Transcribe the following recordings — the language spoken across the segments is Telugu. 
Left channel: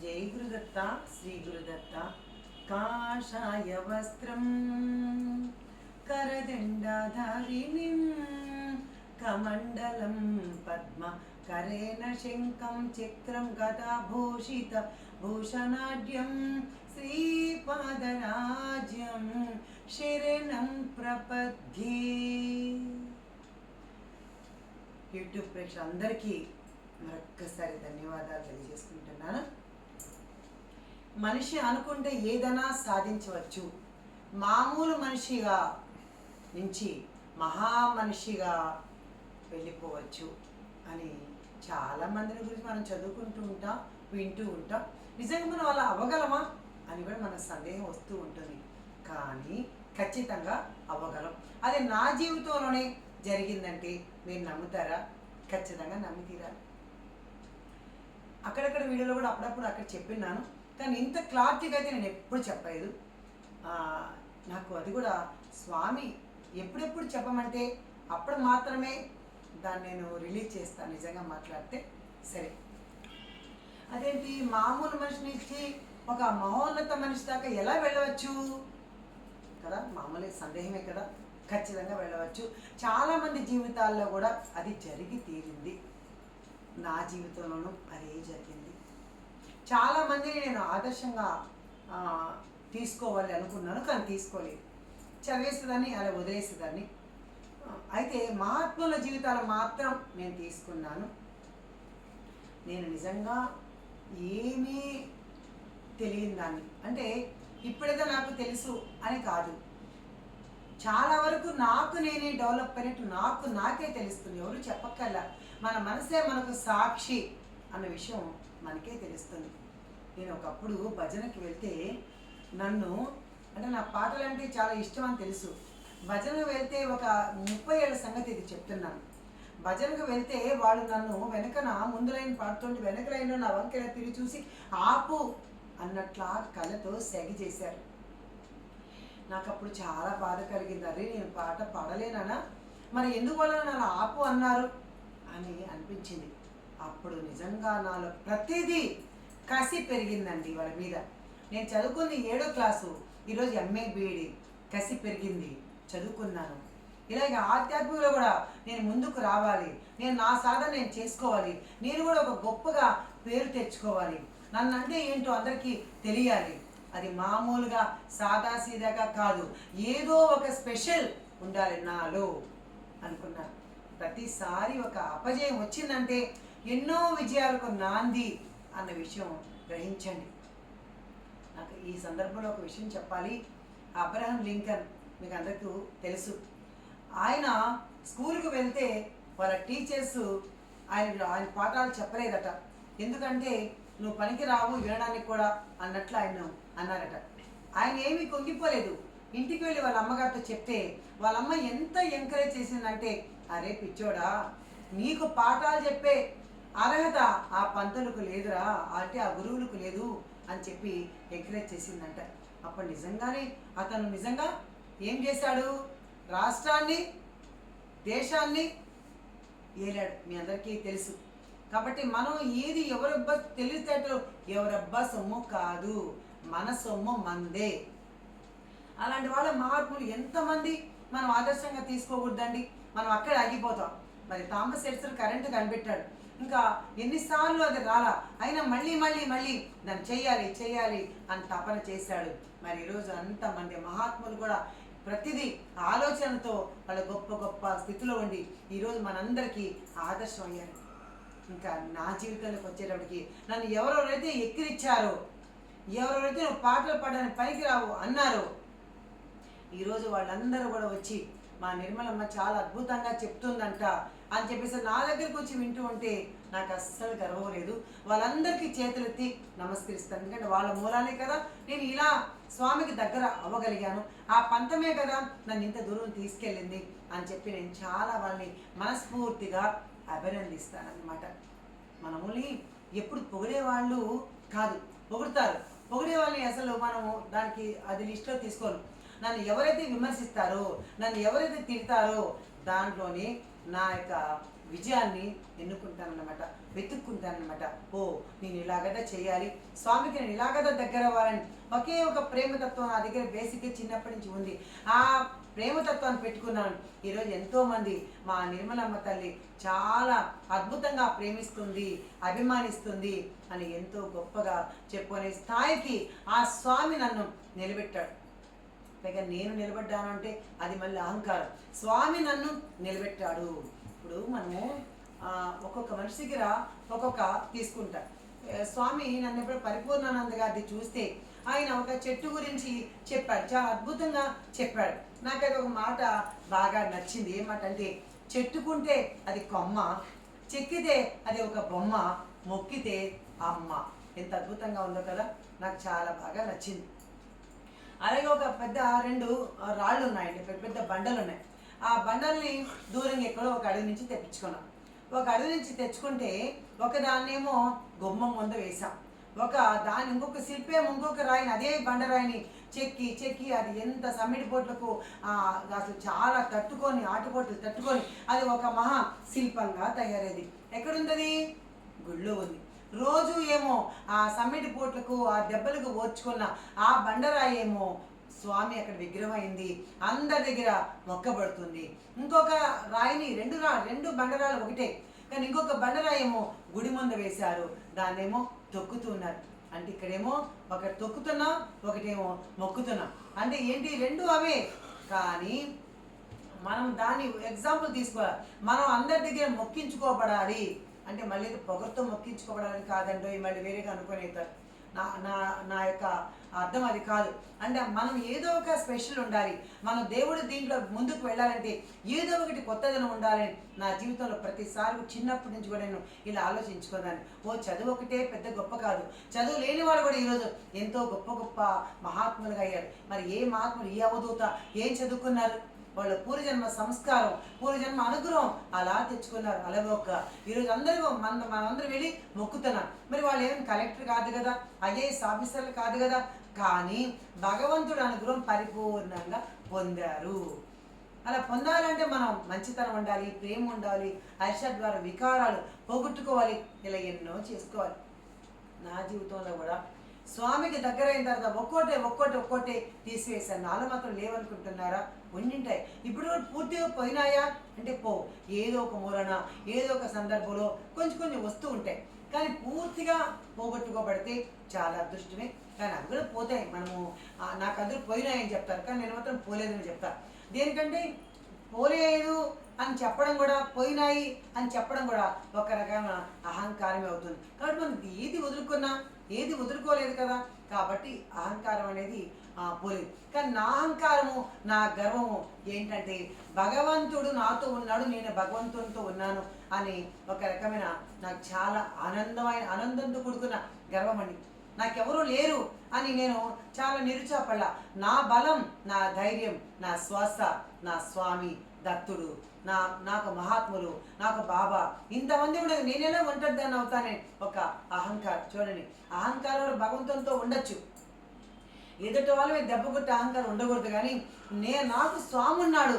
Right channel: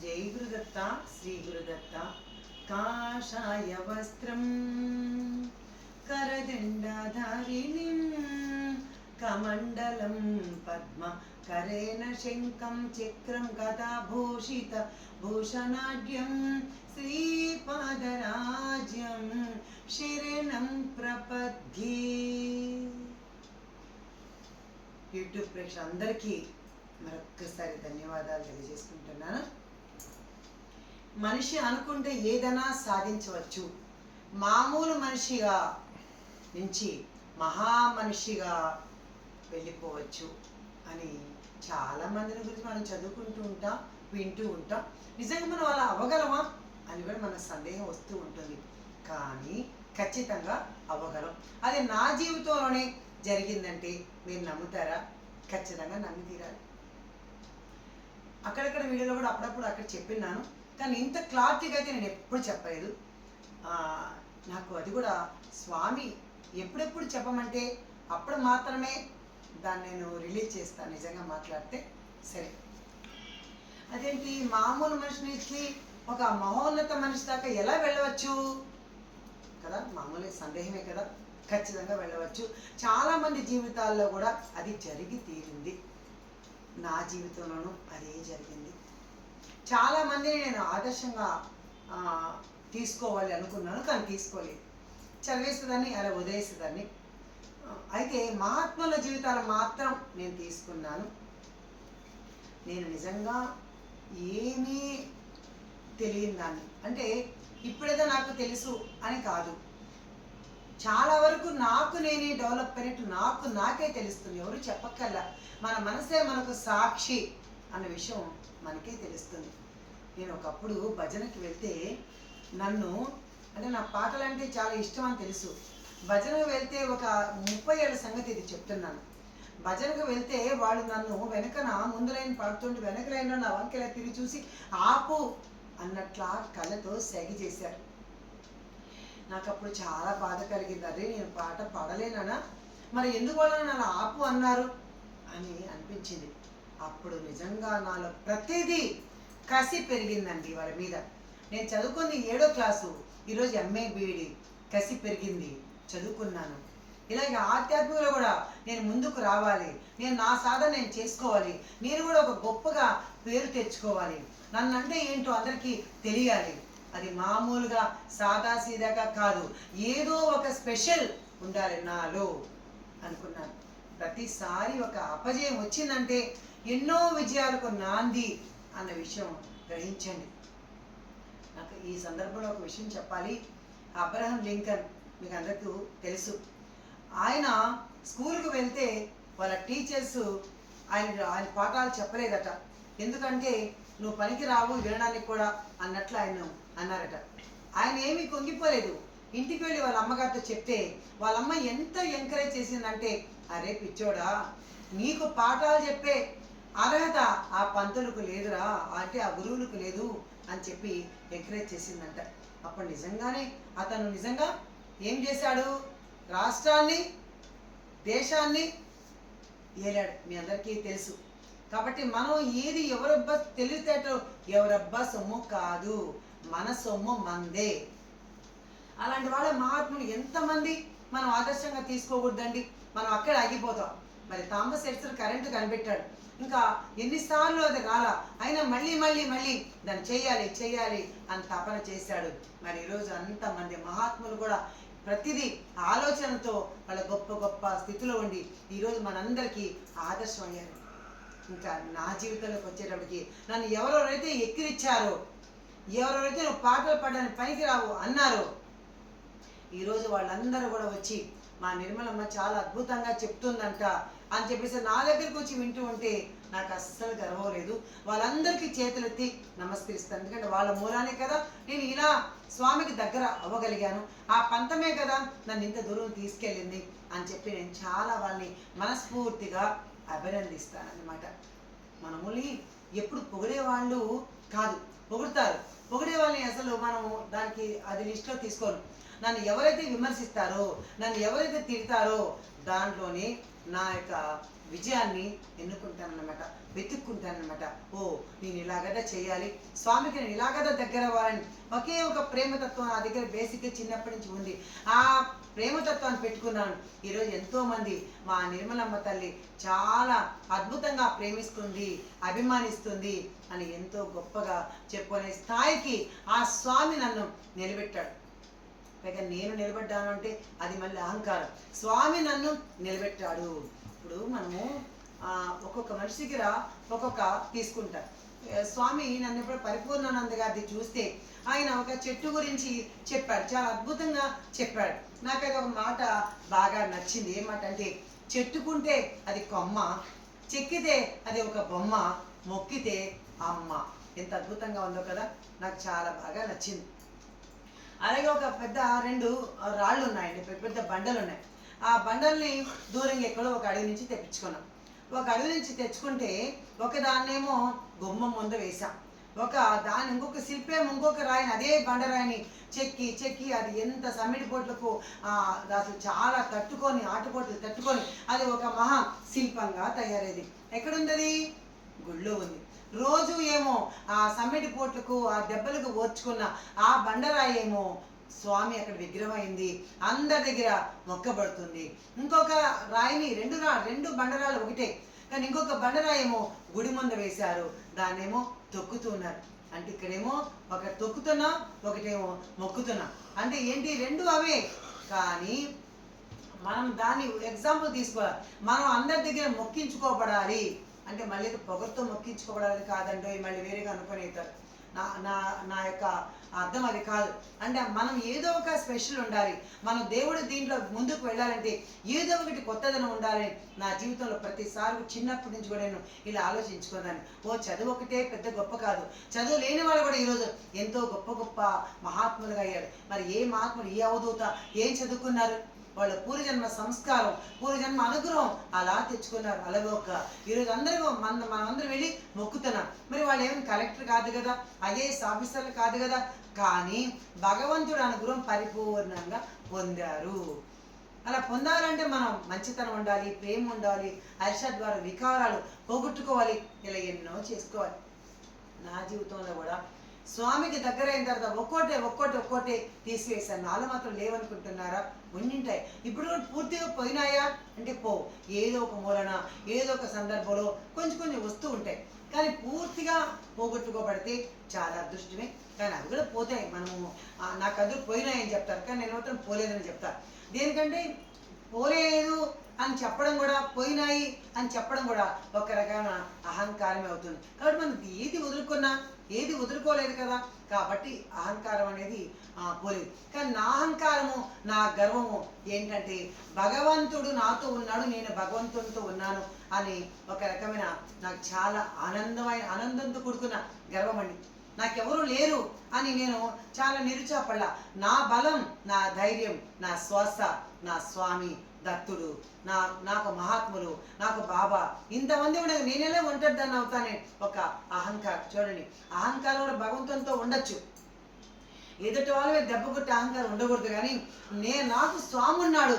జై గురుదత్త శ్రీ గురుదత్త. కాషాయ వస్త్రం కరదండాధారిణిం కమండలం పద్మ కరేణ శంఖం చక్రం కథాభూషిత భూషణాఢ్యం శ్రీపాదరాజ్యం శరణం ప్రపద్యే. యూట్యూబ్ అందరికీ మరొక్కసారి ధన్యవాదాలు తెలియజేసుకుంటున్నాను. మనిషి అనుకుంటే ఏదైనా సాధించవచ్చు. మామూలు మనిషిగా నుంచి మహా మనిషిగా వెళ్ళిపోవచ్చు అని చాలా మందిని గురించి మనం చదువుకుంటూ ఉంటాం వింటూ ఉంటాం. నిజంగా మనం అలా అవ్వగలమా అని కూడా మన సందేహం వస్తూ ఉంటుంది. కానీ ఖచ్చితంగా అవ్వగలం. అది నా జీవితంలోనే జరిగిందంటే మీరు నమ్ముతారా? ఖచ్చితంగా నమ్మి తీరాలి అక్కడక్కడ వీడియోలో కూడా అప్పుడప్పుడు అక్కడ చెప్పినాను కానీ ఇంత క్లారిటీగా అయితే నేను ఎప్పుడు చెప్పలేదు. నాకు అది కూడా స్వామి ఎప్పుడెప్పుడు చెప్పమంటే అప్పుడు మాత్రమే దాన్ని నేను రిలీజ్ చేస్తాను నిజంగా మాట్లాడితే సరే. అదేంటి? మామూలు మనిషి నుంచి ఒక మహోన్నత మనిషి దాకా ఎలా వెళ్ళవచ్చు? కదా మామూలు సందేహమే కదా. ఖచ్చితంగా వెళ్ళవచ్చు. చాలామంది జీవితాల్లో కూడా అది జరిగి తీరింది. నా జీవితంలోనూ అదే జరిగింది. చాలామందిని నేను ఆదర్శంగా తీసుకోవాలి అనుకున్నాను కానీ తీసుకోలేదు. చదివేసేదాన్ని అలా వదిలేసేదాన్ని. అయితే మహాత్ముల జీవితాలు మాత్రం నేను తీసుకున్నాను. నేను నిజంగా ఏమీ తెలియని దాన్ని. అంటే ఇప్పుడేదో నాకు తెలుసు అని కాదు. చాలా వరకు నాకు నేనే డెవలప్ అయినట్టు నాకు నాకే తెలుస్తుంది. ఎవరు చెప్పక్కర్లా. మన మనసే మనకు సాక్షి అన్న విషయం మనకే తెలుస్తుంది. నేను ఒకప్పుడు భజనకి వెళ్తే నన్ను అంటే నా పాటలు అంటే చాలా ఇష్టం అని తెలుసు. భజనకు వెళ్తే ఒక ముప్పై ఏళ్ళ సంగతి ఇది చెప్తున్నాను. భజనకు వెళ్తే వాళ్ళు నన్ను వెనకన ముందులైన పాడుతుంటే వెనక లైన్లో నా వంకెల తిరిగి చూసి ఆపు అన్నట్లా కళ్ళతో సెగి చేశారు. నాకు అప్పుడు చాలా బాధ కలిగింది. అరే నేను పాట పాడలేనా మరి ఎందువల్ల నన్ను ఆపు అన్నారు? అని అనిపించింది. అప్పుడు నిజంగా నాలో ప్రతిదీ కసి పెరిగిందండి వాళ్ళ మీద. నేను చదువుకుంది ఏడో క్లాసు ఈరోజు ఎంఏ బీఈడి. కసి పెరిగింది. చదువుకున్నాను. ఇలాగే ఆధ్యాత్మికలో కూడా నేను ముందుకు రావాలి. నేను నా సాధన నేను చేసుకోవాలి. నేను కూడా ఒక గొప్పగా పేరు తెచ్చుకోవాలి. నన్ను అంటే ఏంటో అందరికీ తెలియాలి. అది మామూలుగా సాదా సీదాగా కాదు. ఏదో ఒక స్పెషల్ ఉండాలి నాలో అనుకున్నాను. ప్రతిసారి ఒక అపజయం వచ్చిందంటే ఎన్నో విజయాలకు నాంది అన్న విషయం గ్రహించండి. నాకు ఈ సందర్భంలో ఒక విషయం చెప్పాలి. అబ్రహం లింకన్ మీకు అందరికీ తెలుసు. ఆయన స్కూల్కి వెళ్తే వాళ్ళ టీచర్స్ ఆయన ఆయన పాఠాలు చెప్పలేదట. ఎందుకంటే నువ్వు పనికి రావు వినడానికి కూడా అన్నట్లు ఆయన అన్నారట. ఆయన ఏమీ కొంగిపోలేదు. ఇంటికి వెళ్ళి వాళ్ళ అమ్మగారితో చెప్తే వాళ్ళ అమ్మ ఎంత ఎంకరేజ్ చేసిందంటే అరే పిచ్చోడా నీకు పాఠాలు చెప్పే అర్హత ఆ పంతులకు లేదురా అంటే ఆ గురువులకు లేదు అని చెప్పి ఎంకరేజ్ చేసిందంట. అప్పుడు నిజంగానే అతను నిజంగా ఏం చేశాడు? రాష్ట్రాన్ని దేశాన్ని ఏలాడు మీ అందరికీ తెలుసు. కాబట్టి మనం ఏది ఎవరబ్బా తెలివితేటలు ఎవరబ్బా సొమ్ము కాదు మన సొమ్ము మందే. అలాంటి వాళ్ళ మహాత్ములు ఎంతమంది మనం ఆదర్శంగా తీసుకోకూడదండి? మనం అక్కడే ఆగిపోతాం. మరి థామస్ ఎడ్సన్ కరెంటు కనిపెట్టాడు. ఇంకా ఎన్నిసార్లు అది రాలా అయినా మళ్ళీ మళ్ళీ మళ్ళీ దాన్ని చెయ్యాలి చెయ్యాలి అని తపన చేశాడు. మరి ఈరోజు అంతమంది మహాత్ములు కూడా ప్రతిదీ ఆలోచనతో వాళ్ళ గొప్ప గొప్ప స్థితిలో ఉండి ఈరోజు మనందరికీ ఆదర్శం అయ్యారు. ఇంకా నా జీవితంలోకి వచ్చేటప్పటికి నన్ను ఎవరెవరైతే ఎక్కిరిచ్చారో ఎవరెవరైతే నువ్వు పాటలు పాడడానికి పనికిరావు అన్నారో ఈరోజు వాళ్ళందరూ కూడా వచ్చి మా నిర్మలమ్మ చాలా అద్భుతంగా చెప్తుందంట. అని చెప్పేసి నా దగ్గరకు వచ్చి వింటూ ఉంటే నాకు అస్సలు గర్వం లేదు. వాళ్ళందరికీ చేతులెత్తి నమస్కరిస్తాను. ఎందుకంటే వాళ్ళ మూలానే కదా నేను ఇలా స్వామికి దగ్గర అవ్వగలిగాను. ఆ పంతమే కదా నన్ను ఇంత దూరం తీసుకెళ్ళింది అని చెప్పి నేను చాలా వాళ్ళని మనస్ఫూర్తిగా అభినందిస్తాను అన్నమాట మనముని ఎప్పుడు పొగిడే వాళ్ళు కాదు. పొగుడతారు. పొగిడే వాళ్ళని అసలు మనము దానికి అది లిస్ట్లో తీసుకోను నన్ను ఎవరైతే విమర్శిస్తారో నన్ను ఎవరైతే తిడతారో దాంట్లోనే నా యొక్క విజయాన్ని ఎన్నుకుంటానన్నమాట వెతుక్కుంటానన్నమాట. ఓ నేను ఇలాగదా చేయాలి? స్వామికి నేను ఇలాగదా దగ్గర అవ్వాలని ఒకే ఒక ప్రేమతత్వం నా దగ్గర బేసిక్గా చిన్నప్పటి నుంచి ఉంది. ఆ ప్రేమతత్వాన్ని పెట్టుకున్నాను. ఈరోజు ఎంతోమంది మా నిర్మలమ్మ తల్లి చాలా అద్భుతంగా ప్రేమిస్తుంది అభిమానిస్తుంది అని ఎంతో గొప్పగా చెప్పుకునే స్థాయికి ఆ స్వామి నన్ను నిలబెట్టాడు. పైగా నేను నిలబడ్డాను అంటే అది మళ్ళీ అహంకారం. స్వామి నన్ను నిలబెట్టాడు. ఇప్పుడు మనము ఒక్కొక్క మనిషికి రా ఒక్కొక్క తీసుకుంటా. స్వామి నన్ను ఇప్పుడు పరిపూర్ణానంద గారిది చూస్తే ఆయన ఒక చెట్టు గురించి చెప్పాడు. చాలా అద్భుతంగా చెప్పాడు. నాకైతే ఒక మాట బాగా నచ్చింది. ఏ మాట అంటే చెట్టుకుంటే అది కొమ్మ చెక్కితే అది ఒక బొమ్మ మొక్కితే అమ్మ. ఎంత అద్భుతంగా ఉందో కదా? నాకు చాలా బాగా నచ్చింది. అలాగే ఒక పెద్ద రెండు రాళ్ళు ఉన్నాయండి పెద్ద పెద్ద బండలు ఉన్నాయి. ఆ బండల్ని దూరంగా ఎక్కడో ఒక అడవి నుంచి తెప్పించుకున్నాం. ఒక అడవి నుంచి తెచ్చుకుంటే ఒక దాన్నేమో గుమ్మం ముందు వేసాం ఒక దాని ఇంకొక శిల్పేమో ఇంకొక రాయిని అదే బండరాయిని చెక్కి చెక్కి అది ఎంత సమ్మిడి బోట్లకు అసలు చాలా తట్టుకొని ఆటుపోట్లు తట్టుకొని అది ఒక మహా శిల్పంగా తయారైంది. ఎక్కడుందది గుళ్ళో ఉంది. రోజు ఏమో ఆ సమ్మిటి పోట్లకు ఆ దెబ్బలకు ఓర్చుకున్న ఆ బండరాయి ఏమో స్వామి అక్కడ విగ్రహం అయింది అందరి దగ్గర మొక్కబడుతుంది. ఇంకొక రాయిని రెండు రా రెండు బండరాలు ఒకటే. కానీ ఇంకొక బండరాయి ఏమో గుడి ముందు వేశారు. దాన్నేమో తొక్కుతున్నారు. అంటే ఇక్కడేమో ఒక తొక్కుతున్నా ఒకటేమో మొక్కుతున్నా. అంటే ఏంటి? రెండు అవే. కానీ మనం దాన్ని ఎగ్జాంపుల్ తీసుకోవాలి. మనం అందరి దగ్గర మొక్కించుకోబడాలి. అంటే మళ్ళీ ఏదో పొగరుతో మొక్కించుకోబడాలని కాదండి మళ్ళీ వేరేగా అనుకునేతారు నా నా నా యొక్క అర్థం అది కాదు. అంటే మనం ఏదో ఒక స్పెషల్ ఉండాలి. మనం దేవుడు దీంట్లో ముందుకు వెళ్ళాలంటే ఏదో ఒకటి కొత్తదనం ఉండాలని నా జీవితంలో ప్రతిసారి చిన్నప్పటి నుంచి కూడా నేను ఇలా ఆలోచించుకున్నాను. ఓ చదువు ఒకటే పెద్ద గొప్ప కాదు. చదువు లేని వాళ్ళు కూడా ఈరోజు ఎంతో గొప్ప గొప్ప మహాత్ములుగా అయ్యారు మరి ఏ మహాత్ములు ఏ అవధూత ఏం చదువుకున్నారు? వాళ్ళ పూర్వజన్మ సంస్కారం పూర్వజన్మ అనుగ్రహం అలా తెచ్చుకున్నారు. అలవోక ఈరోజు అందరూ మన మనందరం వెళ్ళి మొక్కుతున్నాం. మరి వాళ్ళు ఏం కలెక్టర్ కాదు కదా ఐఏఎస్ ఆఫీసర్లు కాదు కదా కానీ భగవంతుడు అనుగ్రహం పరిపూర్ణంగా పొందారు. అలా పొందాలంటే మనం మంచితనం ఉండాలి ప్రేమ ఉండాలి హర్ష ద్వారా వికారాలు పోగొట్టుకోవాలి ఇలా ఎన్నో చేసుకోవాలి. నా జీవితంలో కూడా స్వామికి దగ్గరైన తర్వాత ఒక్కోటే ఒక్కోటి ఒక్కోటే తీసివేశాను. నాలో మాత్రం లేవనుకుంటున్నారా? ఉండింటాయి ఇప్పుడు కూడా పూర్తిగా పోయినాయా? అంటే పో. ఏదో ఒక మూలన ఏదో ఒక సందర్భంలో కొంచెం కొంచెం వస్తూ ఉంటాయి. కానీ పూర్తిగా పోగొట్టుకోబడితే చాలా అదృష్టమే. కానీ అవి కూడా పోతాయి. మనము నాకు అందరూ పోయినాయని చెప్తారు. కానీ నేను మాత్రం పోలేదని చెప్తాను దేనికంటే పోలేదు అని చెప్పడం కూడా పోయినాయి అని చెప్పడం కూడా ఒక రకమైన అహంకారమే అవుతుంది. కాబట్టి మనం ఏది వదులుకున్నా ఏది వదులుకోలేదు కదా కాబట్టి అహంకారం అనేది పోలేదు. కానీ నా అహంకారము నా గర్వము ఏంటంటే భగవంతుడు నాతో ఉన్నాడు నేను భగవంతునితో ఉన్నాను అని ఒక రకమైన నాకు చాలా ఆనందమైన ఆనందంతో కూడుకున్న గర్వం అండి. నాకెవరూ లేరు అని నేను చాలా నిరుచాపడ్డా నా బలం నా ధైర్యం నా శ్వాస నా స్వామి దత్తుడు నా నాకు మహాత్ములు నాకు బాబా. ఇంతమంది ఉండగా నేనేలా ఒంటరిదాన్ని అవుతానే? ఒక అహంకారం చూడండి. అహంకారం కూడా భగవంతునితో ఉండొచ్చు. ఎదుటి వాళ్ళ దెబ్బ కొట్టే అహంకారం ఉండకూడదు కానీ నే నాకు స్వామి ఉన్నాడు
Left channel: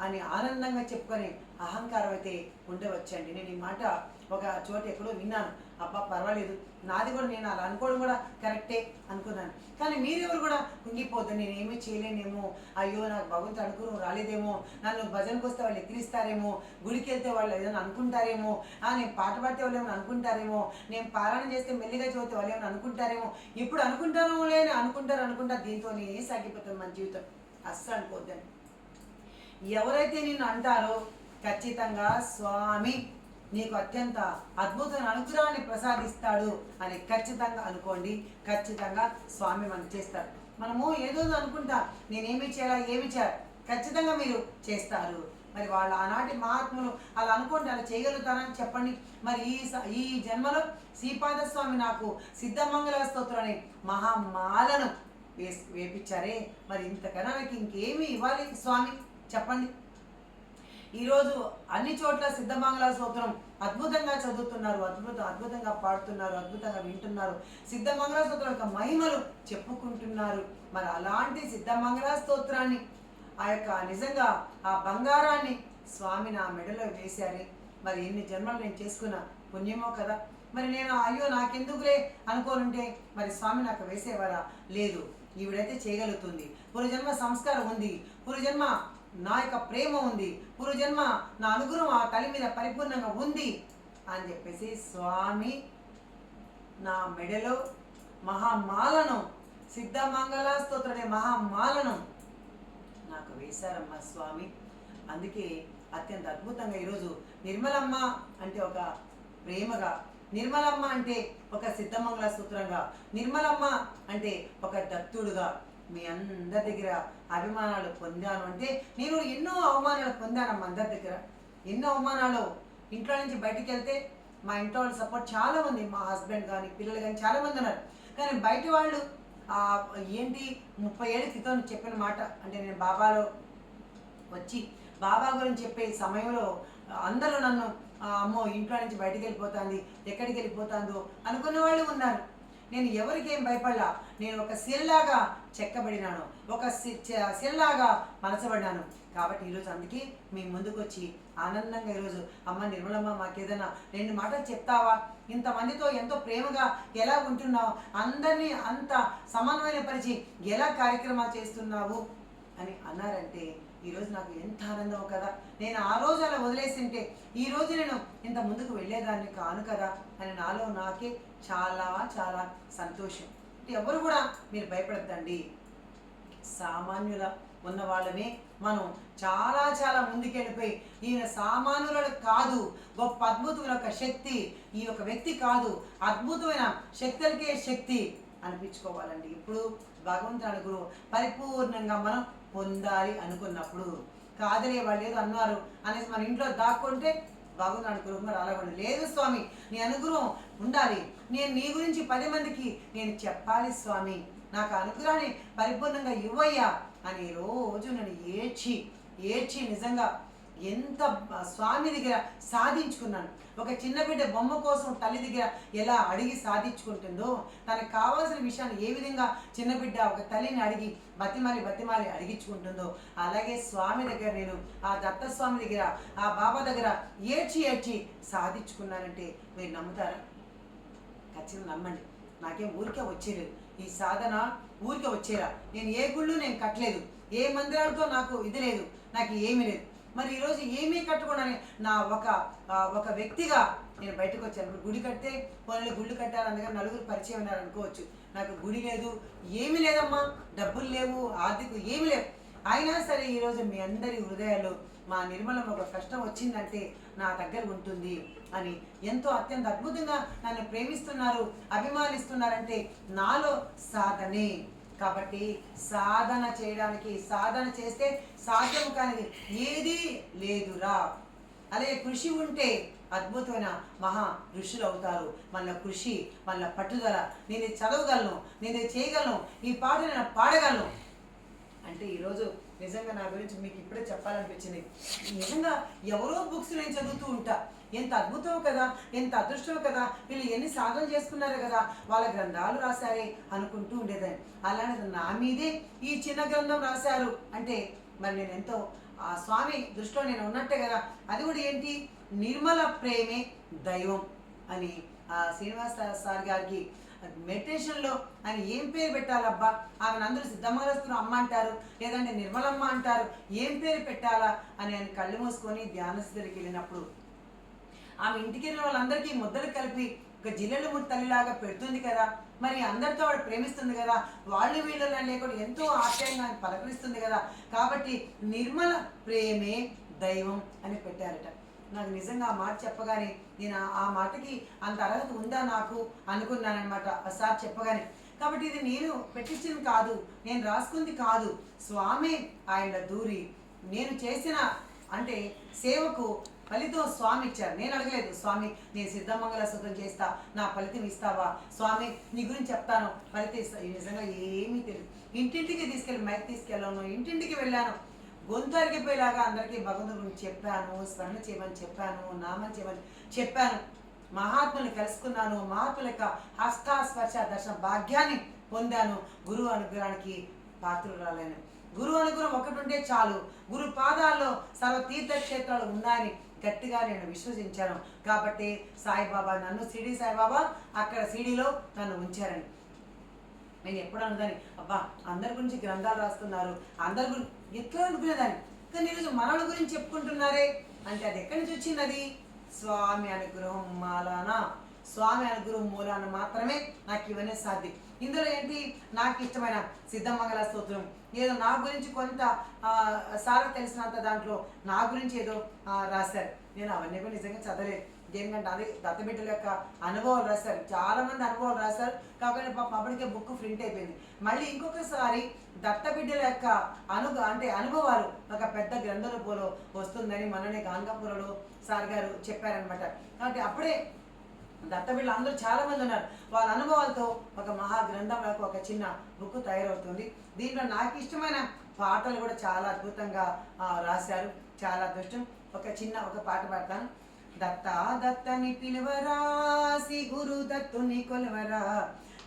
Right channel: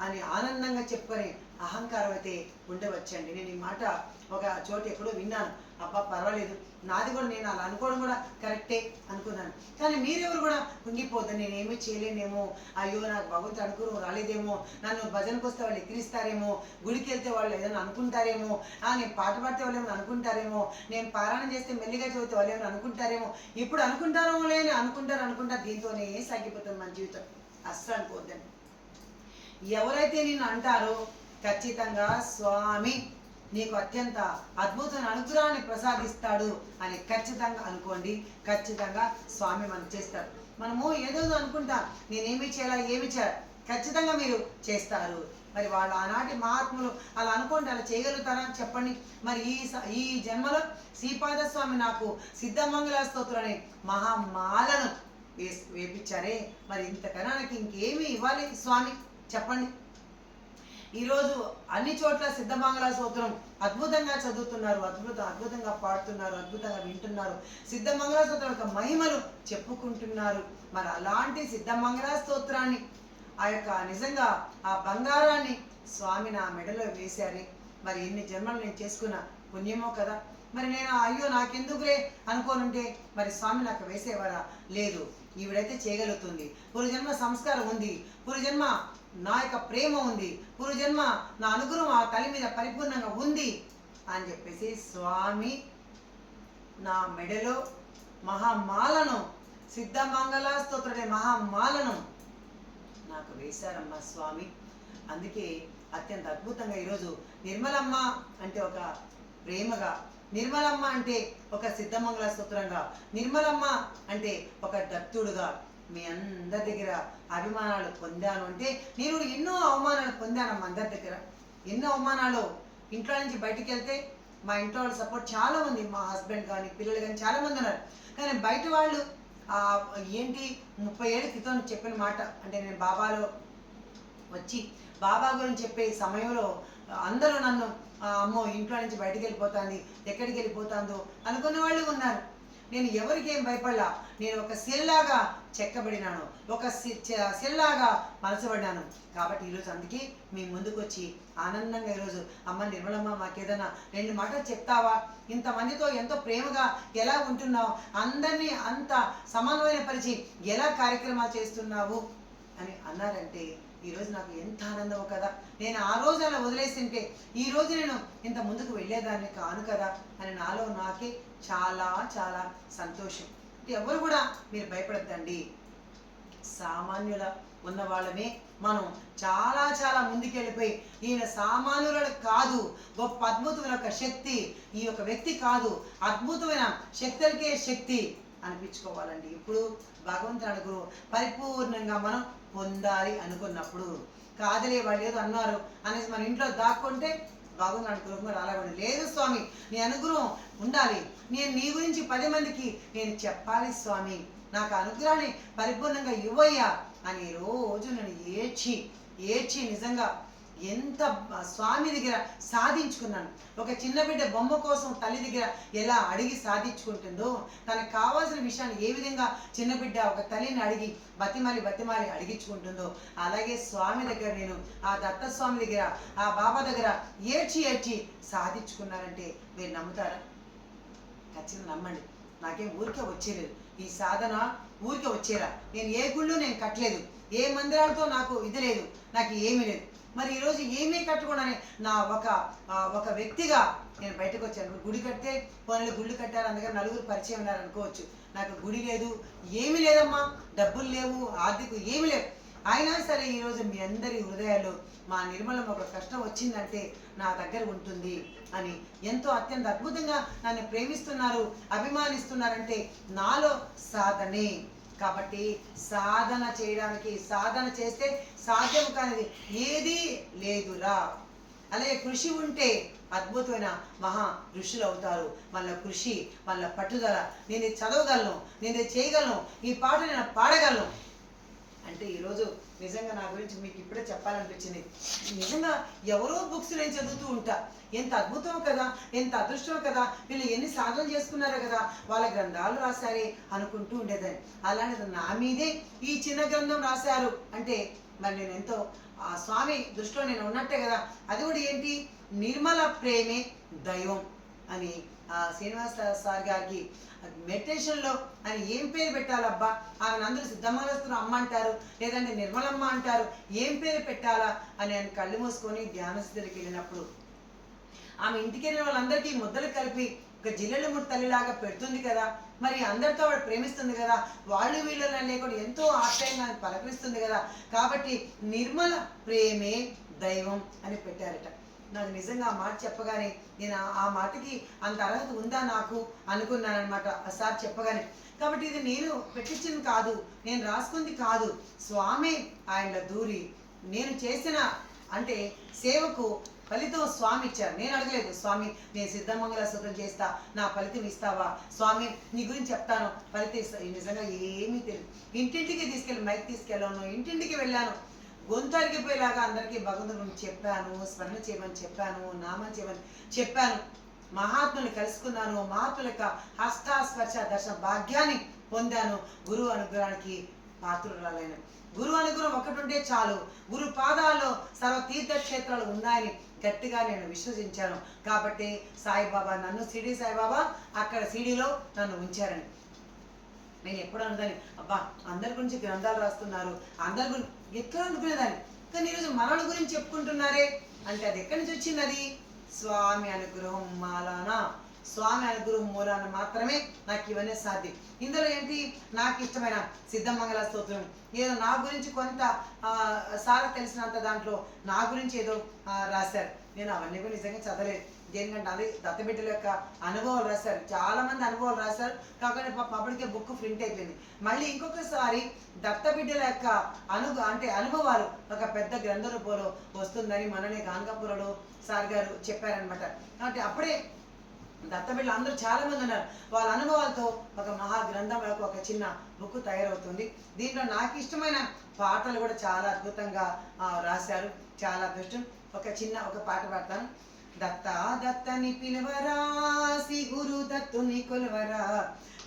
అని ఆనందంగా చెప్పుకొని అహంకారం అయితే ఉండవచ్చండి. నేను ఈ మాట ఒక చోట ఎక్కడో విన్నాను. అబ్బా పర్వాలేదు. నాది కూడా నేను అలా అనుకోవడం కూడా కరెక్టే అనుకున్నాను. కానీ మీరెవరు కూడా కుంగిపోద్దు. నేను ఏమీ చేయలేనేమో. అయ్యో నాకు భగవంతుడు అనుకుని రాలేదేమో. నన్ను భజనకు వస్తే వాళ్ళు ఎక్కిరిస్తారేమో. గుడికి వెళ్తే వాళ్ళు ఏదైనా అనుకుంటారేమో. నేను పాట పాడితే వాళ్ళు ఏమైనా అనుకుంటారేమో. నేను పారాయణం చేస్తే మెల్లిగా చదివితే వాళ్ళు ఏమైనా అనుకుంటారేమో. ఇప్పుడు అనుకుంటారో లేని అనుకుంటారు అనుకుంటారు. దీంతోనే సాగిపోతుంది మన జీవితం. అస్సలు అనుకోవద్దండి. ఎవరైతే నిన్ను అంటారో ఖచ్చితంగా స్వామి నీకు అత్యంత అద్భుతమైన అనుగ్రహాన్ని ప్రసాదిస్తాడు అని ఖచ్చితంగా అనుకోండి. ఖచ్చితంగా స్వామి మనం చేస్తారు. మనము ఏదో అనుకుంటాం. నేనేమి చేయాలా ఏమి చేయాలి? ఖచ్చితంగా మీరు చేస్తారు. మరి వాళ్ళు ఆనాటి మహాత్ములు అలా అనుకోండి అలా చేయగలుగుతారని చెప్పండి. మరి ఈ స- ఈ జన్మలో శ్రీపాద స్వామి నాకు సిద్ధమంగళ స్తోత్రాన్ని మహామాలను వేసి వేపించారే మరి ఇంతకన్నా నాకు ఇంకేమి ఇవ్వాలి స్వామి? చెప్పండి. ఈరోజు అన్ని చోట్ల సిద్ధమంగళ స్తోత్రం అద్భుతంగా చదువుతున్నారు అద్భుత అద్భుతంగా పాడుతున్నారు అద్భుతంగా వింటున్నారు. సిద్ధమంగళ స్తోత్రం యొక్క మహిమలు చెప్పుకుంటున్నారు. మరి అలాంటి సిద్ధమంగళ స్తోత్రాన్ని ఆ యొక్క నిజంగా ఆ బంగారాన్ని స్వామి నా మెడలో వేశారు. మరి ఎన్ని జన్మలు నేను చేసుకున్న పుణ్యమో కదా. మరి నేను అయ్యో నాకెందుకులే అనుకోనుంటే మరి స్వామి నాకు వేసేవారా? లేదు ఈవిడైతే చేయగలుగుతుంది. పూర్వజన్మ సంస్కారం ఉంది. పూర్వజన్మ నా యొక్క ప్రేమ ఉంది. పూర్వజన్మ నా అనుగ్రహం ఆ తల్లి మీద పరిపూర్ణంగా ఉంది అని చెప్పేసి స్వామి నా మెడలో మహామాలను సిద్ధమంగళ స్తోత్రుడే మహామాలను నాకు వేశారమ్మ స్వామి. అందుకే అత్యంత అద్భుతంగా ఈరోజు నిర్మలమ్మ అంటే ఒక ప్రేమగా నిర్మలమ్మ అంటే ఒక సిద్ధమంగళ స్తోత్రంగా నిర్మలమ్మ అంటే ఒక దత్తుడుగా మీ అందరి దగ్గర అభిమానాలు పొందాను అంటే నేను ఎన్నో అవమానాలు పొందానమ్మా అందరి దగ్గర. ఎన్నో అవమానాలు. ఇంట్లో నుంచి బయటికి వెళ్తే మా ఇంట్లో వాళ్ళ సపోర్ట్ చాలా ఉంది మా హస్బెండ్ కానీ పిల్లలు కానీ చాలా మంది ఉన్నారు. కానీ బయట వాళ్ళు ఏంటి ముప్పై ఏళ్ళ క్రితం చెప్పిన మాట. అంటే నేను బాబాలో వచ్చి బాబా గురించి చెప్పే సమయంలో అందరూ నన్ను అమ్మో ఇంట్లో నుంచి బయటికి వెళ్ళిపోతాంది ఎక్కడికి వెళ్ళిపోతాందో అనుకున్న వాళ్ళు ఉన్నారు. నేను ఎవరికేం భయపడలా. నేను ఒక సెల్లాగా చెక్కబడినాను. ఒక సి- సెల్లాగా మలచబడ్డాను. కాబట్టి ఈరోజు అందుకే మీ ముందుకు వచ్చి ఆనందంగా ఈరోజు అమ్మ నిర్మలమ్మ మాకేదైనా రెండు మాటలు చెప్తావా? ఇంతమందితో ఎంతో ప్రేమగా ఎలా ఉంటున్నావు? అందరినీ అంత సమన్వయపరిచి ఎలా కార్యక్రమాలు చేస్తున్నావు? అని అన్నారంటే ఈరోజు నాకు ఎంత ఆనందమో కదా! నేను ఆ రోజు అలా వదిలేసింటే ఈరోజు నేను ఇంత ముందుకు వెళ్ళేదాన్ని కాను కదా! అని నాలో నాకే చాలా చాలా సంతోషం. అంటే ఎవరు కూడా మీరు భయపడద్దండి. సామాన్యుల ఉన్న వాళ్ళమే మనం. చాలా చాలా ముందుకెళ్ళిపోయి ఈయన సామాన్యుల కాదు. గొప్ప అద్భుతమైన ఒక శక్తి. ఈ యొక్క వ్యక్తి కాదు. అద్భుతమైన శక్తులకే శక్తి అనిపించుకోవాలండి. ఇప్పుడు భగవంతుని అనుగ్రహం పరిపూర్ణంగా మనం పొందాలి అనుకున్నప్పుడు. కాదులే వాళ్ళు ఏదో అన్నారు అనేసి మన ఇంట్లో దాక్కుంటే భగవంతుని అనుగ్రహంగా రాలేవండి లేదు స్వామి నీ అనుగ్రహం ఉండాలి. నేను నీ గురించి పది మందికి నేను చెప్పాలి స్వామి. నాకు అనుగ్రహాన్ని పరిపూర్ణంగా ఇవ్వయ్యా అని రోజు నన్ను ఏడ్చి ఏడ్చి నిజంగా ఎంత స్వామి దగ్గర సాధించుకున్నాను. ఒక చిన్న బిడ్డ బొమ్మ కోసం తల్లి దగ్గర ఎలా అడిగి సాధించుకుంటుందో తనకు కావాల్సిన విషయాన్ని ఏ విధంగా చిన్న బిడ్డ ఒక తల్లిని అడిగి బతిమాలి బతిమాలి అడిగించుకుంటుందో అలాగే స్వామి దగ్గర నేను ఆ దత్తస్వామి దగ్గర ఆ బాబా దగ్గర ఏడ్చి ఏడ్చి సాధించుకున్నారంటే మీరు నమ్ముతారా? ఖచ్చితంగా నమ్మండి. నాకేం ఊరికే వచ్చేలేదు. ఈ సాధన ఊరికే వచ్చేరా నేను ఏ గుళ్ళు నేను కట్టలేదు. ఏ మందిరాలతో నాకు ఇది లేదు. నాకు ఏమీ లేదు. మరి ఈరోజు ఏమీ కట్టకుండానే నా ఒక ఒక వ్యక్తిగా నేను బయటకు వచ్చాను. ఇప్పుడు గుడి కడితే పనులు గుళ్ళు కట్టారు అందుకని నలుగురు పరిచయం ఉన్నారు అనుకోవచ్చు. నాకు గుడి లేదు ఏమీ లేదమ్మా. డబ్బులు లేవు ఆర్థిక ఏమీ లేవు. అయినా సరే ఈరోజు మీ అందరి హృదయాల్లో మా నిర్మలం ఒక కష్టం వచ్చిందంటే నా దగ్గర ఉంటుంది అని ఎంతో అత్యంత అద్భుతంగా నన్ను ప్రేమిస్తున్నారు అభిమానిస్తున్నారంటే నాలో సాధనే. కాబట్టి సాధన చేయడానికి సాధన చేస్తే సాధ్యం కానిది. ఏదీ లేదురా. అలాగే కృషి ఉంటే అద్భుతమైన మహా ఋషులు అవుతారు మన కృషి మన పట్టుదల. నేను చదవగలను నేను చేయగలను ఈ పాట నేను పాడగలను. అంటే ఈరోజు నిజంగా నా గురించి మీకు ఇప్పుడే చెప్పాలనిపించింది. నిజంగా ఎవరో బుక్స్ నేను చదువుతూ ఉంటా. ఎంత అద్భుతం కదా ఎంత అదృష్టం కదా వీళ్ళు ఎన్ని సాధనలు చేసుకున్నారో కదా వాళ్ళ గ్రంథాలు రాశారే అనుకుంటూ ఉండేదాన్ని. అలాంటిది నా మీదే ఈ చిన్న గ్రంథం రాశారు. అంటే మరి నేను ఎంతో ఆ స్వామి దృష్టిలో నేను ఉన్నట్టే కదా. అది కూడా ఏంటి? నిర్మల ప్రేమే దైవం అని ఆ శ్రీనివాస సార్ గారికి మెడిటేషన్లో ఆయన ఏం పేరు పెట్టాలబ్బా? ఆమె అందరూ సిద్ధమంగళస్తున్న అమ్మ అంటారు లేదంటే నిర్మలమ్మ అంటారు. ఏం పేరు పెట్టాలా? అని ఆయన కళ్ళు మూసుకొని ధ్యాన స్థితికి వెళ్ళినప్పుడు ఆమె ఇంటికి వెళ్ళిన వాళ్ళందరికీ ముద్దలు కలిపి ఒక జిల్లెలు ముడి తల్లిలాగా పెడుతుంది కదా. మరి అందరితో ఆవిడ ప్రేమిస్తుంది కదా వాళ్ళు వీళ్ళని లేకుండా ఎంతో ఆశ్రయంగా పలకరిస్తుంది కదా. కాబట్టి నిర్మల ప్రేమే దైవం అని పెట్టారట. నాకు నిజంగా ఆ మాట చెప్పగానే నేను ఆ- మాటకి అంత అర్హత ఉందా నాకు అనుకున్నానమాట సార్ చెప్పగానే. కాబట్టి ఇది నేను పెట్టించింది కాదు నేను రాసుకుంది కాదు. స్వామి ఆయన దూరి నేను చేసిన అంటే సేవకు ఫలితం స్వామి ఇచ్చారు. నేను అడగలేదు స్వామి నేను సిద్ధమంగళ శుద్ధం చేస్తా నా ఫలితం ఇస్తావా? స్వామి నీ గురించి చెప్తాను. ఫలితం ఇస్తా నిజంగా ఏమీ తెలియదు ఇంటింటికి తీసుకెళ్ళి మైక్ తీసుకెళ్ళాను ఇంటింటికి వెళ్ళాను. గొంతరిగిపోయేలాగా అందరికీ భగవంతుడి గురించి చెప్పాను స్మరణ చేయమని చెప్పాను నామని చేయమని చెప్పాను. మహాత్ముని కలుసుకున్నాను మహాత్ముల యొక్క హస్తాస్పర్శ దర్శన భాగ్యాన్ని పొందాను. గురువు అనుగ్రహానికి పాత్రురాలైన. గురు అనుగ్రహం ఒకటి ఉంటే చాలు. గురు పాదాల్లో సర్వ తీర్థక్షేత్రాలు ఉన్నాయని గట్టిగా నేను విశ్వసించాను. కాబట్టి సాయిబాబా నన్ను సిడి సాయిబాబా అక్కడ సిడిలో నన్ను ఉంచారని. నేను ఎప్పుడు అనుదాని అబ్బా అందరి గురించి గ్రంథాలు రాస్తున్నారు అందరి గురించి ఎట్లా అనుకునేదాన్ని? కానీ ఈరోజు మనల గురించి చెప్పుకుంటున్నారే. అంటే అది ఎక్కడి నుంచి వచ్చింది అది? స్వామి అనుగ్రహం మాలానా. స్వామి అనుగ్రహం మూలాన మాత్రమే నాకు ఇవన్నీ సాధ్యం. ఇందులో ఏంటి? నాకు ఇష్టమైన సిద్ధమంగళ స్తోత్రం. ఏదో నా గురించి కొంత సార్ తెలిసినంత దాంట్లో నా గురించి ఏదో రాశారు. నేను అవన్నీ కూడా నిజంగా చదవలేదు. దేనికంటే అది దత్తబిడ్డల యొక్క అనుభవాలు రాశారు. చాలా మంది అనుభవాలు రాశారు. కాబట్టి పబ్లిక్ బుక్ ప్రింట్ అయిపోయింది. మళ్ళీ ఇంకొకసారి దత్తబిడ్డల యొక్క అను అంటే అనుభవాలు ఒక పెద్ద గ్రంథ రూపంలో వస్తుందని మననే గానకాపురలో సార్ గారు చెప్పారనమాట కాబట్టి అప్పుడే దత్తబిడ్డలు అందరూ చాలా మంది ఉన్నారు. వాళ్ళ అనుభవాలతో ఒక మహా గ్రంథం యొక్క ఒక చిన్న బుక్ తయారవుతుంది. దీంట్లో నాకు ఇష్టమైన పాటలు కూడా చాలా అద్భుతంగా రాశారు. చాలా అదృష్టం. ఒక చిన్న ఒక పాట పాడతాను. దత్త దత్తని పిలువరా సి గురు దత్తుని కొలవరా.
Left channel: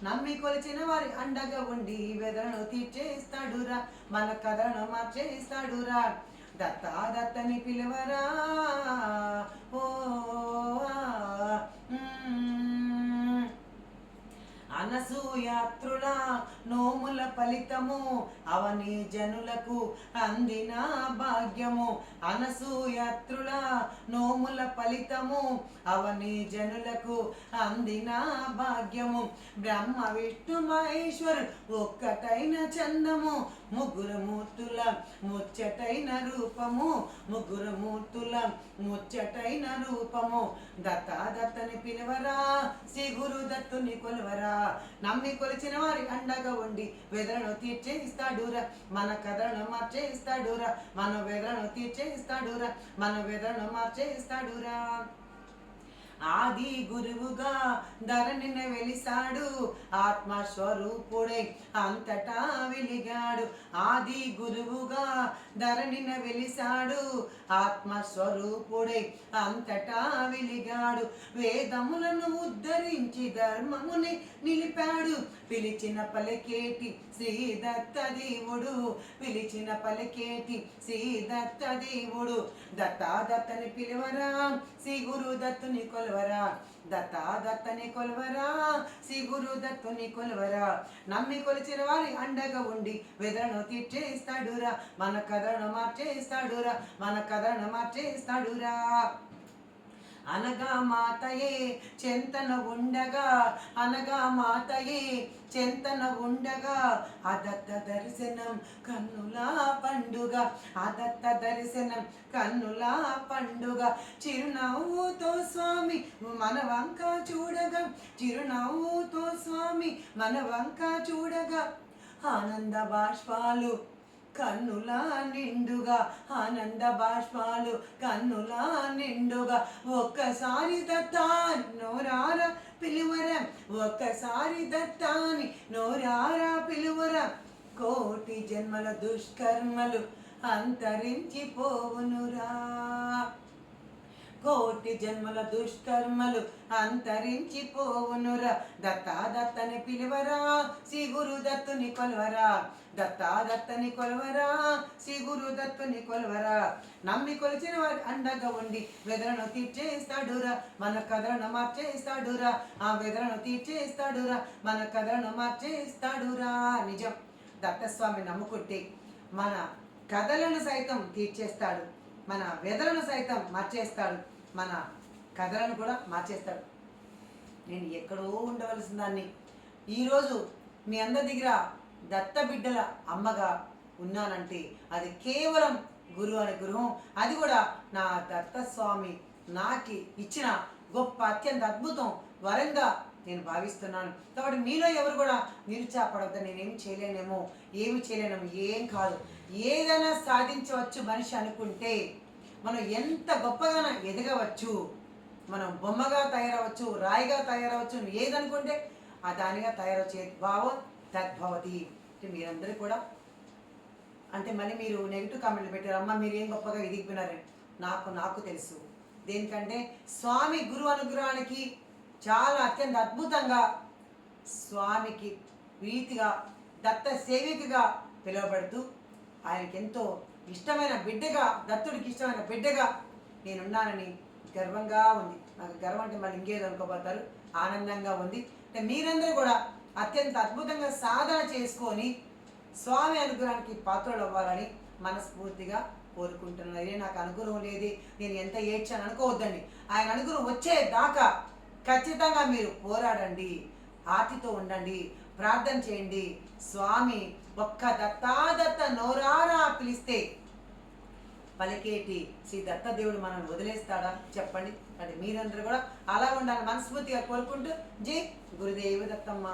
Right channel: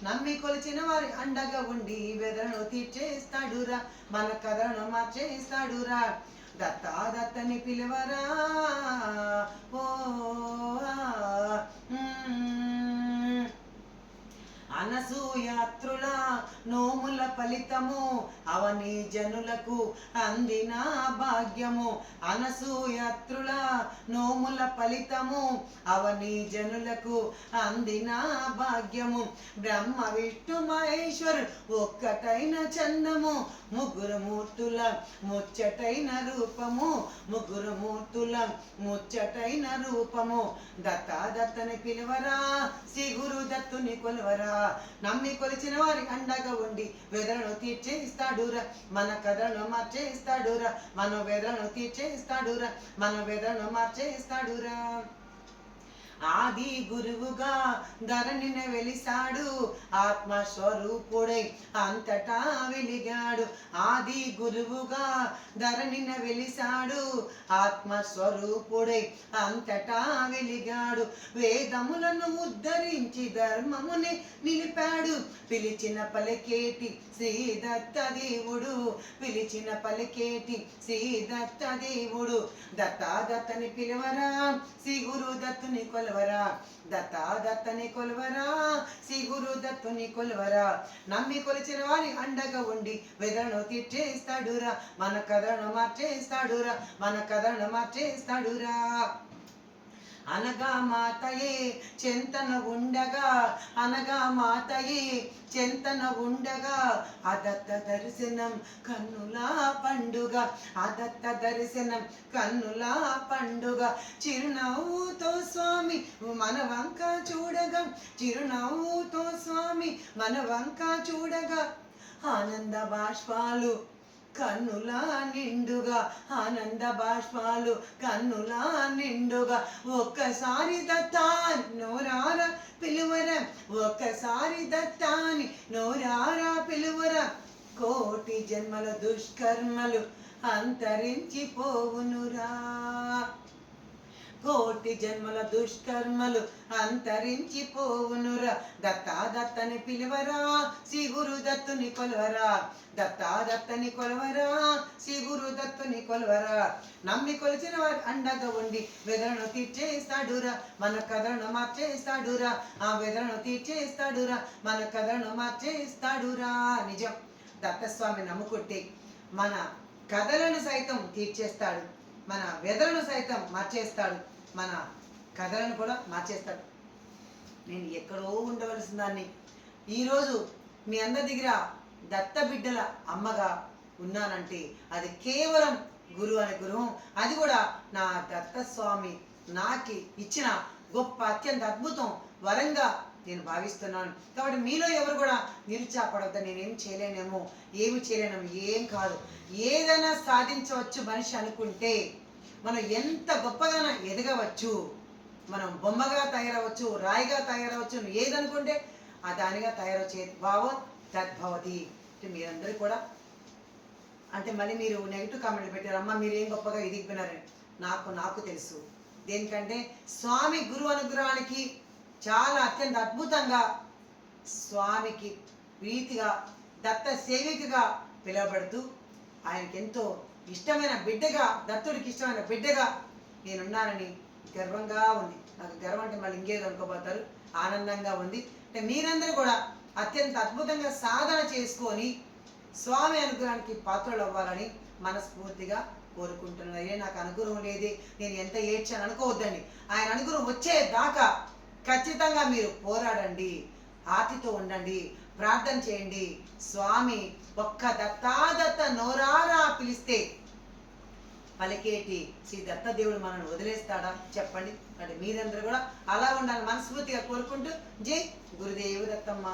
నమ్మి కొలిచిన వారి అండగా ఉండి బెదరను తీర్చేస్తాడురా. మన కథను మార్చేస్తాడురా. దత్తాదత్తని పిలువరా? ఓ అనసూయాత్రుల నోముల ఫలితము అవని జనులకు అందిన భాగ్యము. అనసూయాత్రుల నోముల ఫలితము అవని జనులకు అందిన భాగ్యము. బ్రహ్మ విష్ణు మహేశ్వరు ఒక్కటైన చందము ముగ్గురు మూర్తుల ముచ్చటైన రూపము ముగ్గురు మూర్తుల ముచ్చటైన రూపము. దత్తా దత్తని పిలువరా శ్రీ గురు దత్తుని కొలువరా. నమ్మి కొలిచిన వారి అండగా ఉండి వెదలను తీర్చేస్తాడురా మన కథను మార్చేస్తాడురా మన వెదలను తీర్చేస్తాడురా మన వెదలను మార్చేస్తాడురా ఆది గురువుగా ధరణిని వెలిసాడు ఆత్మస్వరూపుడై అంతటా వెలిగాడు. ఆది గురువుగా ధరణిని వెలిసాడు ఆత్మస్వరూపుడై అంతటా వెలిగాడు. వేదములను ఉద్ధరించి ధర్మముని నిలిపాడు. పిలిచిన పలికేటి శ్రీదత్త దేవుడు పిలిచిన పలికేటి శ్రీదత్త దేవుడు. దత్తా దత్తని పిలువరా శ్రీ గురు దత్తుని కొలవరా దత్తా దత్తని కొలవరా శ్రీ గురు దత్తుని కొలవరా. నమ్మి కొలిచిన వారి అండగా ఉండి వెదను తీర్చేస్తాడురా మన కథను మార్చేస్తాడురా మన కథను మార్చేస్తాడురా. అనగా మాతయే చెంతన ఉండగా అనగా మాతయే చెంతన ఉండగా అదత్త దర్శనం కన్నులా పండుగ అదత్త దర్శనం కన్నులా పండుగ. చిరునవ్వుతో స్వామి మన వంక చూడగా చిరునవ్వుతో స్వామి మన వంక చూడగా. ఆనంద బాష్పాలు కన్నులా నిండుగా ఆనంద బాష్పాలు కన్నులా నిండుగా. ఒక్కసారి దత్తాని నోరారా పిలువరా ఒక్కసారి దత్తాని నోరారా పిలువరా. కోటి జన్మల దుష్కర్మలు అంతరించిపోవునురా. కోటి జన్మల దుష్కర్మలు అంతరించిపోవునురా. పోవునురా దత్తాదత్తని పిలువరా శ్రీ దత్తుని కొలవరా. దత్తాదత్తని కొలవరా శ్రీ దత్తుని కొలవరా. నమ్మి కొలిచిన వారి అండగా ఉండి వెదరను తీర్చేస్తాడురా. మన కథలను మార్చేస్తాడురా. ఆ వెదరను తీర్చేస్తాడురా. మన కథలను మార్చేస్తాడురా. నిజం. దత్తస్వామి నమ్ముకుంటే మన కథలను సైతం తీర్చేస్తాడు. మన వెదలను సైతం మార్చేస్తాడు. మన కథలను కూడా మార్చేస్తాడు. నేను ఎక్కడో ఉండవలసిన దాన్ని ఈరోజు మీ అందరి దగ్గర దత్త బిడ్డల అమ్మగా ఉన్నానంటే అది కేవలం గురువు అనే గృహం. అది కూడా నా దత్త స్వామి నాకి ఇచ్చిన గొప్ప అత్యంత అద్భుతం వరంగా నేను భావిస్తున్నాను. కాబట్టి మీలో ఎవరు కూడా నిరుత్సాహపడవద్దు నేనేం చేయలేనేమో ఏమి చేయలేనేమో ఏం కాదు. ఏదైనా సాధించవచ్చు మనిషి అనుకుంటే మనం ఎంత గొప్పగా ఎదగవచ్చు మనం బొమ్మగా తయారవచ్చు రాయిగా తయారవచ్చు నువ్వు ఏదనుకుంటే ఆ దానిగా తయారవచ్చే భావం తద్భవతి. అంటే మీరందరూ కూడా అంటే మళ్ళీ మీరు నెగిటివ్ కామెంట్లు పెట్టారు అమ్మ మీరు ఏం గొప్పగా ఎదిగిపోయినారని నాకు నాకు తెలుసు. దేనికంటే స్వామి గురు అనుగ్రహానికి చాలా అత్యంత అద్భుతంగా స్వామికి ప్రీతిగా దత్త సేవికగా పిలువబడుతూ ఆయనకి ఎంతో ఇష్టమైన బిడ్డగా దత్తుడికి ఇష్టమైన బిడ్డగా నేనున్నానని గర్వంగా ఉంది. నాకు గర్వం అంటే మళ్ళీ ఇంకేదో అనుకోబోతారు. ఆనందంగా ఉంది. అంటే మీరందరూ కూడా అత్యంత అద్భుతంగా సాధన చేసుకొని స్వామి అనుగ్రహానికి పాత్రలు అవ్వాలని మనస్ఫూర్తిగా కోరుకుంటున్నాను. అయ్యే నాకు అనుగ్రహం లేదే. నేను ఎంత ఏడ్చాను అనుకోవద్దండి. ఆయన అనుగ్రహం వచ్చే దాకా ఖచ్చితంగా మీరు పోరాడండి. ఆతితో ఉండండి. ప్రార్థన చేయండి. స్వామి ఒక్క దత్తాదత్త నోరారా పిలిస్తే పలికేటి శ్రీ దత్తదేవుడు మనల్ని వదిలేస్తాడా? చెప్పండి. మరి మీరందరూ కూడా అలా ఉండాలని మనస్ఫూర్తిగా కోరుకుంటూ జై గురుదేవి దత్తమ్మ.